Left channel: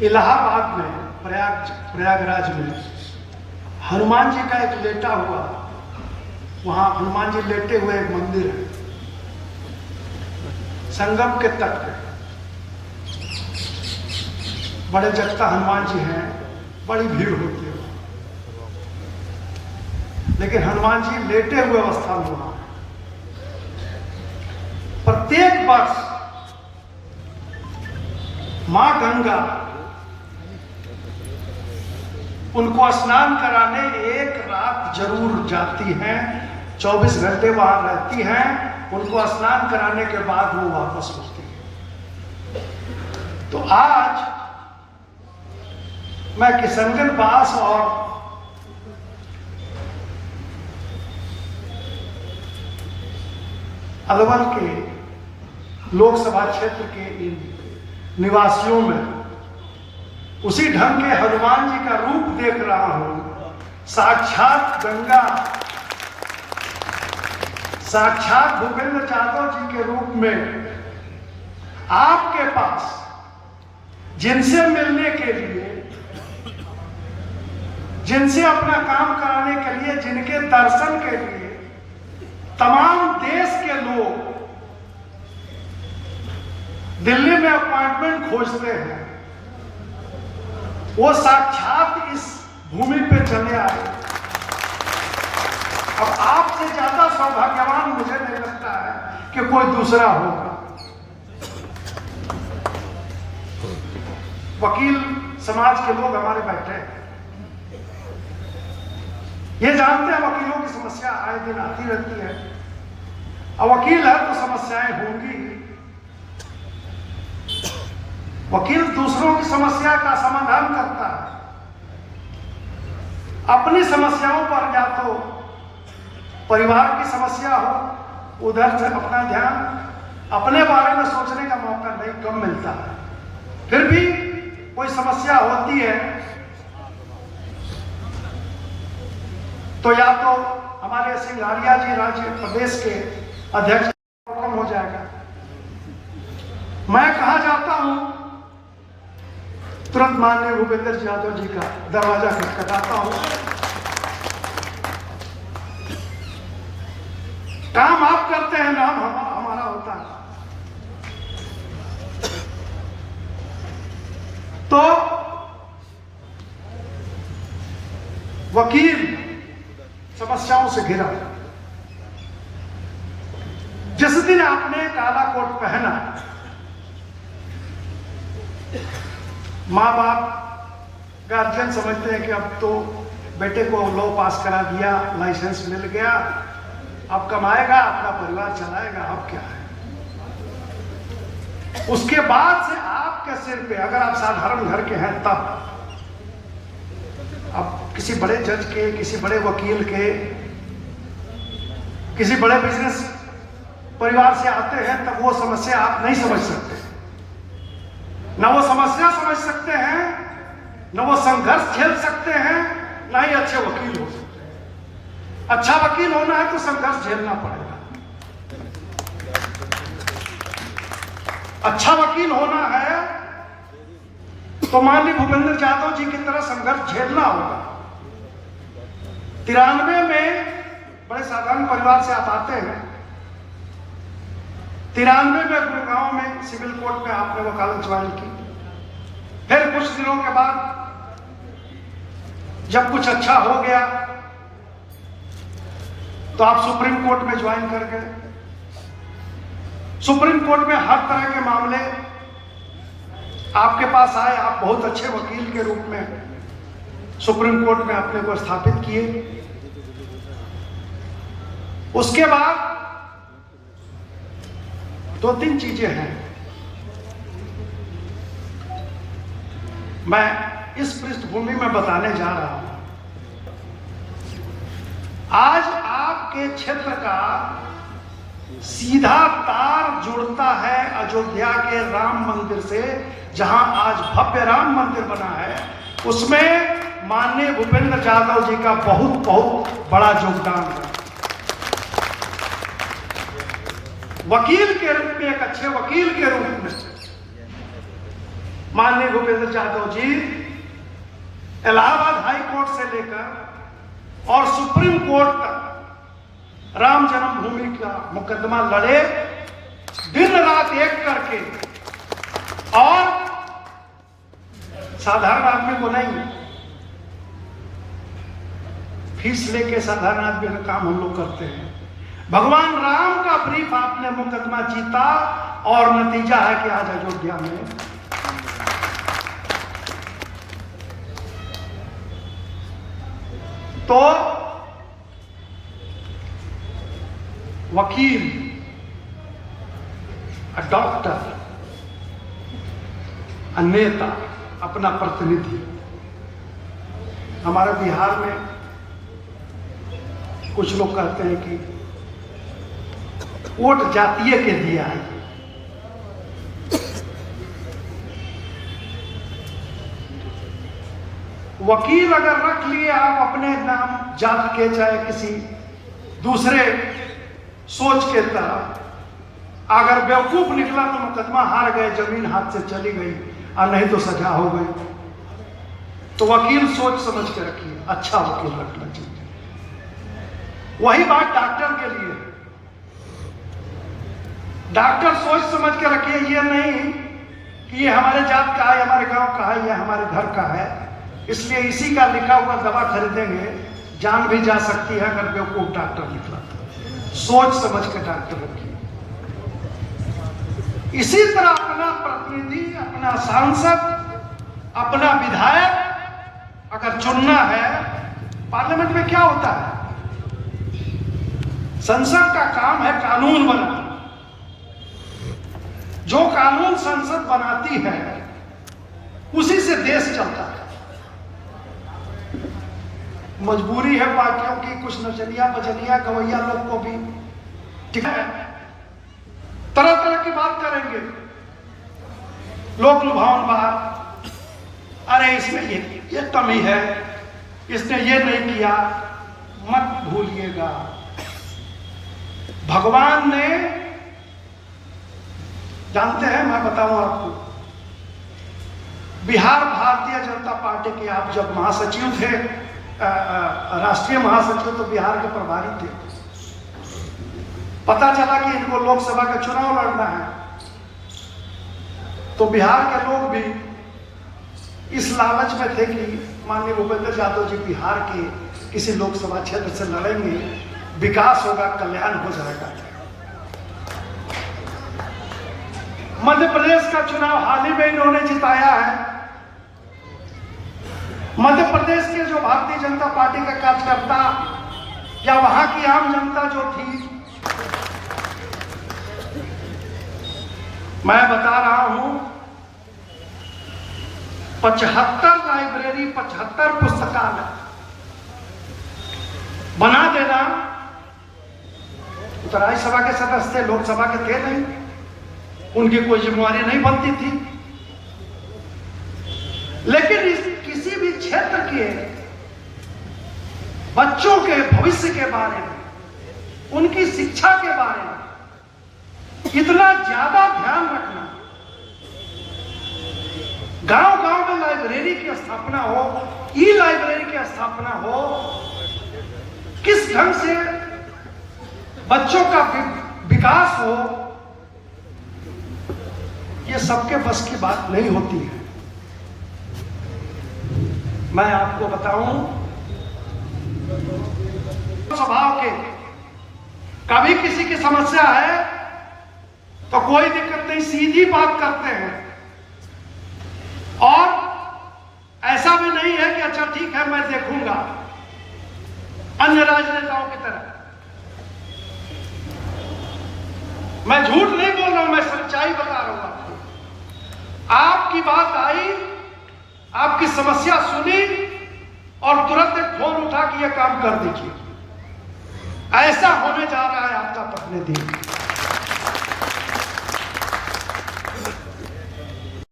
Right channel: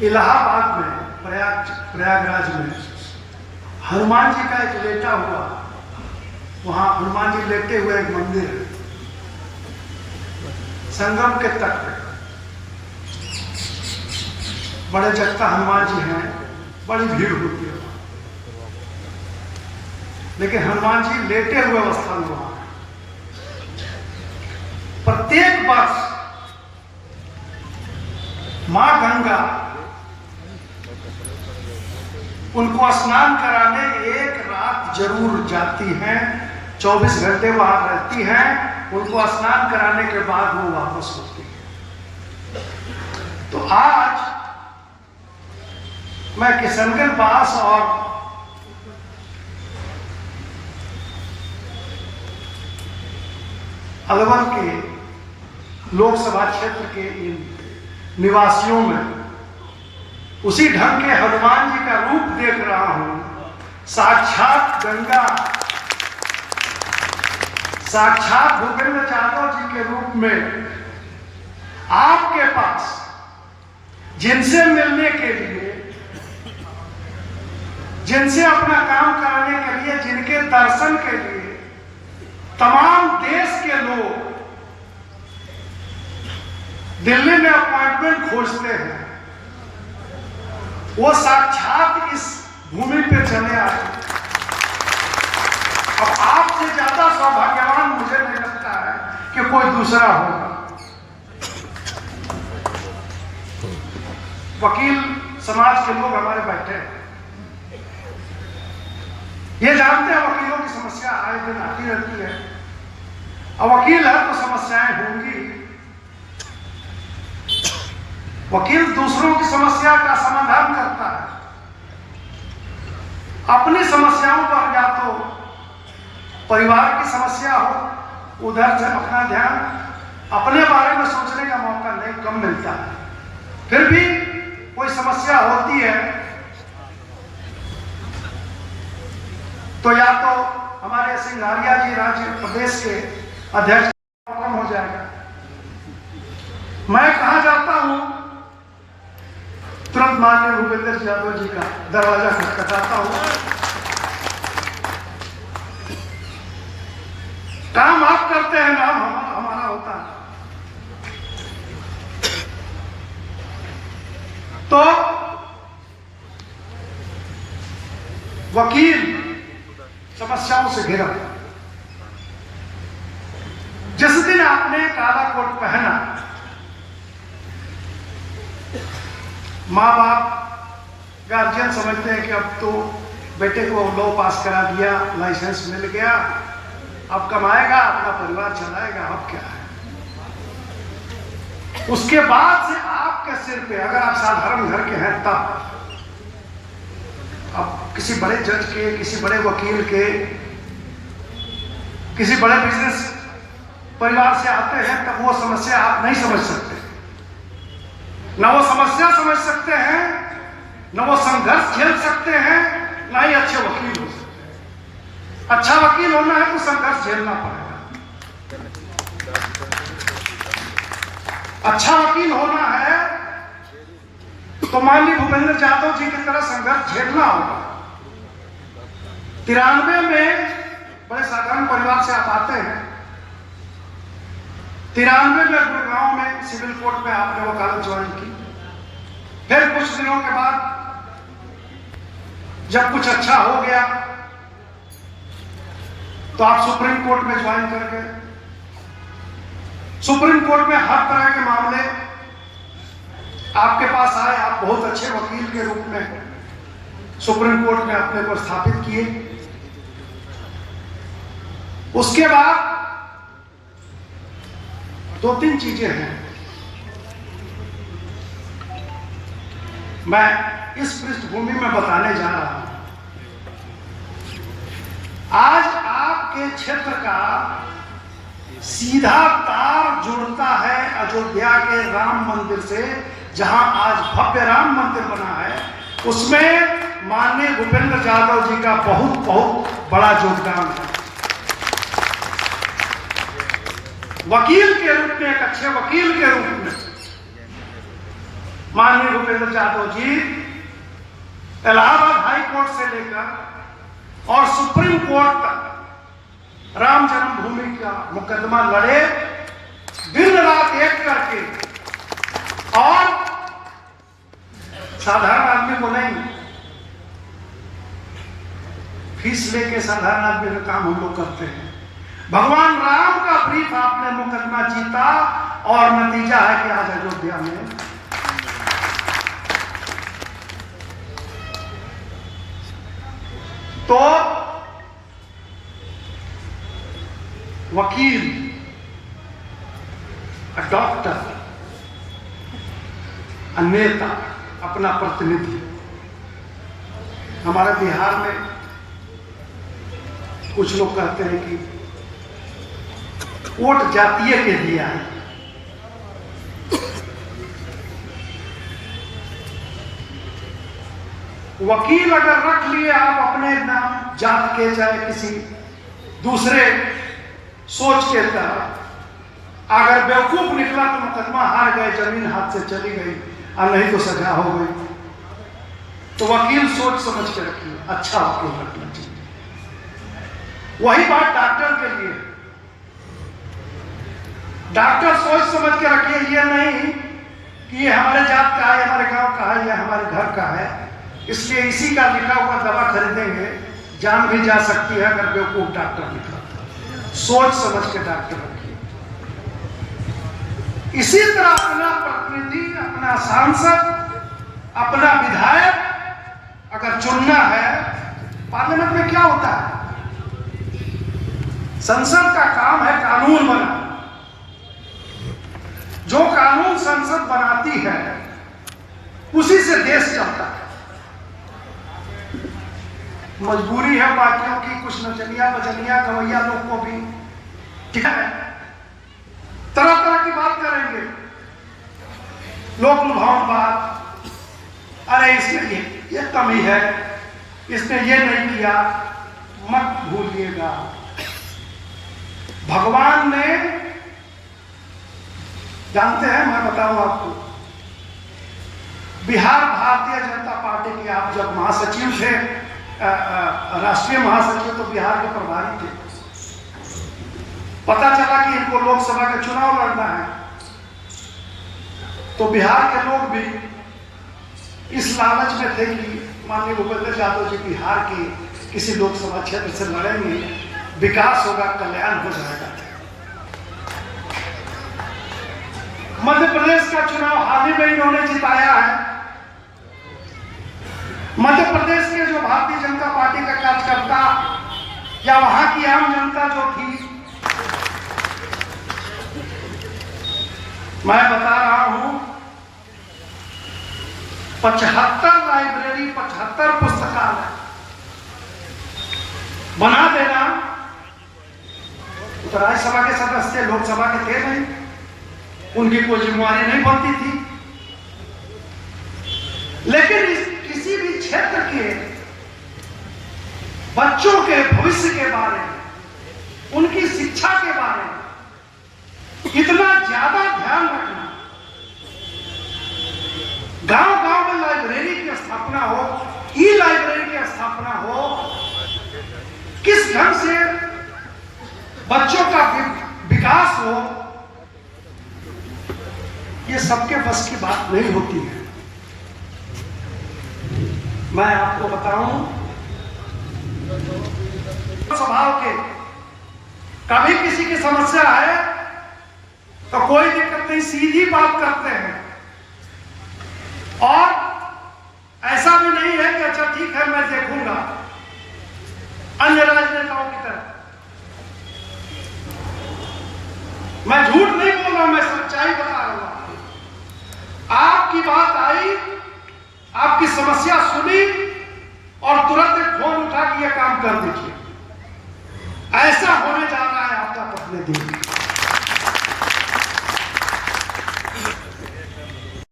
इलाहाबाद में प्रयागराज में हनुमान जी का एक लेटा हुआ, वहां हनुमान जी लेटे हुए एक मंदिर है संगम के तट पे। बड़े जगता हनुमान जी हैं, बड़ी भीड़ होती है, लेकिन हनुमान जी लेटे हुए अवस्था में वहां है। प्रत्येक वर्ष मां गंगा उनको स्नान कराने एक रात जरूर जाती हैं, 24 घंटे वहां रहती हैं, उनको स्नान कराने के बाद वो वापस होती है। तो आज मैं किशनगंज पास और अलवर के लोकसभा क्षेत्र के इन निवासियों में उसी ढंग के हनुमान जी का रूप देख रहा हूं। साक्षात गंगा, साक्षात भूपेंद्र यादव जी के रूप में आपके पास, जिनसे मिलने के लिए, जिनसे अपना काम कराने के लिए, जिनके दर्शन के लिए तमाम देश के लोग दिल्ली में अपॉइंटमेंट खोजते हैं, वो साक्षात इस भूमि पे चले आए। अब आपसे ज्यादा सौभाग्यवान मुझे नहीं लगता है कि कोई दूसरा होगा। वकील समाज के लोग हमारे बैठे हैं, ये जानते हैं वकीलों की समस्या आए दिन आती रहती है, और वकील है तो समस्याएं होंगी। वकील दूसरों की समस्या का समाधान करता है, अपनी समस्याओं पर या तो परिवार की समस्या हो, उधर से अपना ध्यान, अपने बारे में सोचने का मौका नहीं कम मिलता है। फिर भी कोई समस्या होती है तो या तो हमारे सिंघारिया जी राज्य प्रदेश के अध्यक्ष कम हो जाएगा। मैं कहा जाता हूं, तुरंत माननीय भूपेंद्र यादव जी का दरवाजा खटखटाता हूं। काम आप करते हैं, नाम हमारा होता है। तो वकील समस्याओं से घिरा। जिस दिन आपने काला कोट पहना, माँ बाप गार्जियन समझते हैं कि अब तो बेटे को लॉ पास करा दिया, लाइसेंस मिल गया, अब कमाएगा, अपना परिवार चलाएगा, अब क्या है। उसके बाद से आपके सिर पे, अगर आप साधारण घर के हैं तब, अब किसी बड़े जज के, किसी बड़े वकील के, किसी बड़े बिजनेस परिवार से आते हैं, तब वो समस्या आप नहीं समझ सकते। न वो समस्या समझ सकते हैं, न वो संघर्ष झेल सकते हैं, न ही अच्छे वकील हो सकते हैं। अच्छा वकील होना है तो संघर्ष झेलना पड़ेगा। अच्छा वकील होना है तो माननीय भूपेंद्र यादव जी की तरह संघर्ष झेलना होगा। 93 में बड़े साधारण परिवार से आप आते हैं। 93 में गुड़गांव में सिविल कोर्ट में आपने वकालत ज्वाइन की। फिर कुछ दिनों के बाद जब कुछ अच्छा हो गया तो आप सुप्रीम कोर्ट में ज्वाइन कर गए। सुप्रीम कोर्ट में हर तरह के मामले आपके पास आए। आप बहुत अच्छे वकील के रूप में सुप्रीम कोर्ट में अपने को स्थापित किए। उसके बाद 2-3 चीजें हैं। मैं इस पृष्ठभूमि में बताने जा रहा हूं। आज आपके क्षेत्र का सीधा तार जुड़ता है अयोध्या के राम मंदिर से, जहां आज भव्य राम मंदिर बना है। उसमें माननीय भूपेंद्र यादव जी का बहुत बड़ा योगदान है। वकील के रूप में, एक अच्छे वकील के रूप में माननीय भूपेंद्र यादव जी इलाहाबाद हाई कोर्ट से लेकर और सुप्रीम कोर्ट तक राम जन्मभूमि का मुकदमा लड़े, दिन रात एक करके, और साधारण आदमी को नहीं, फीस लेके साधारण आदमी का काम हम लोग करते हैं। भगवान राम का ब्रीफ आपने मुकदमा जीता और नतीजा है कि आज अयोध्या में तो वकील, डॉक्टर, नेता, अपना प्रतिनिधि, हमारे बिहार में कुछ लोग कहते हैं कि वोट जातीय के दिया है। वकील अगर रख लिए आप अपने नाम जात के, चाहे किसी दूसरे सोच के तहत, अगर बेवकूफ निकला तो मुकदमा हार गए, जमीन हाथ से चली गई, और नहीं तो सजा हो गई। तो वकील सोच समझ के रखिए, अच्छा वकील रखना चाहिए। वही बात डॉक्टर के लिए, डॉक्टर सोच समझ के रखिए, ये नहीं कि ये हमारे जात का है, हमारे गांव का है, या हमारे घर का है, इसलिए इसी का लिखा हुआ दवा खरीदेंगे, जान भी जा सकती है अगर बेवकूफ डॉक्टर निकला। सोच समझ के डॉक्टर रखिए। इसी तरह अपना प्रतिनिधि, अपना सांसद, अपना विधायक अगर चुनना है, पार्लियामेंट में क्या होता है, संसद का काम है कानून बनाना। जो कानून संसद बनाती है उसी से देश चलता है। मजबूरी है बाकियों की, कुछ नचनिया बजनिया गवैया लोग को भी, ठीक है, तरह तरह की बात करेंगे, लोक लुभावन बात, अरे इसमें ये कमी है, इसने ये नहीं किया। मत भूलिएगा, भगवान ने, जानते हैं, मैं बताऊं आपको, बिहार भारतीय जनता पार्टी के आप जब महासचिव थे, राष्ट्रीय महासचिव, तो बिहार के प्रभारी थे। पता चला कि इनको लोकसभा का चुनाव लड़ना है, तो बिहार के लोग भी इस लालच में थे कि माननीय भूपेंद्र यादव जी बिहार के किसी लोकसभा क्षेत्र से लड़ेंगे, विकास होगा, कल्याण हो जाएगा। मध्य प्रदेश का चुनाव हाल ही में इन्होंने जिताया है। मध्य प्रदेश के जो भारतीय जनता पार्टी का कार्यकर्ता या वहां की आम जनता जो थी, मैं बता रहा हूं, 75 लाइब्रेरी, 75 पुस्तकालय बना देना। तो राज्यसभा के सदस्य थे, लोकसभा के थे नहीं, उनकी कोई जिम्मेवारी नहीं बनती थी। लेकिन किसी भी क्षेत्र के बच्चों के भविष्य के बारे में, उनकी शिक्षा के बारे में इतना ज्यादा ध्यान रखना, गांव-गांव में लाइब्रेरी की स्थापना हो, ई लाइब्रेरी की स्थापना हो, किस ढंग से बच्चों का विकास हो, ये सबके बस की बात नहीं होती है। मैं आपको बताऊं, स्वभाव के, कभी किसी की समस्या है तो कोई दिक्कत नहीं, सीधी बात करते हैं, और ऐसा भी नहीं है कि अच्छा ठीक है मैं देखूंगा, अन्य राजनेताओं की तरह। मैं झूठ नहीं बोल रहा हूं, मैं सच्चाई बता रहा हूं आपको। आपकी बात आई, आपकी समस्या सुनी, और तुरंत एक फोन उठा के ये काम कर दीजिए। ऐसा होने जा रहा है आपका प्रतिनिधि।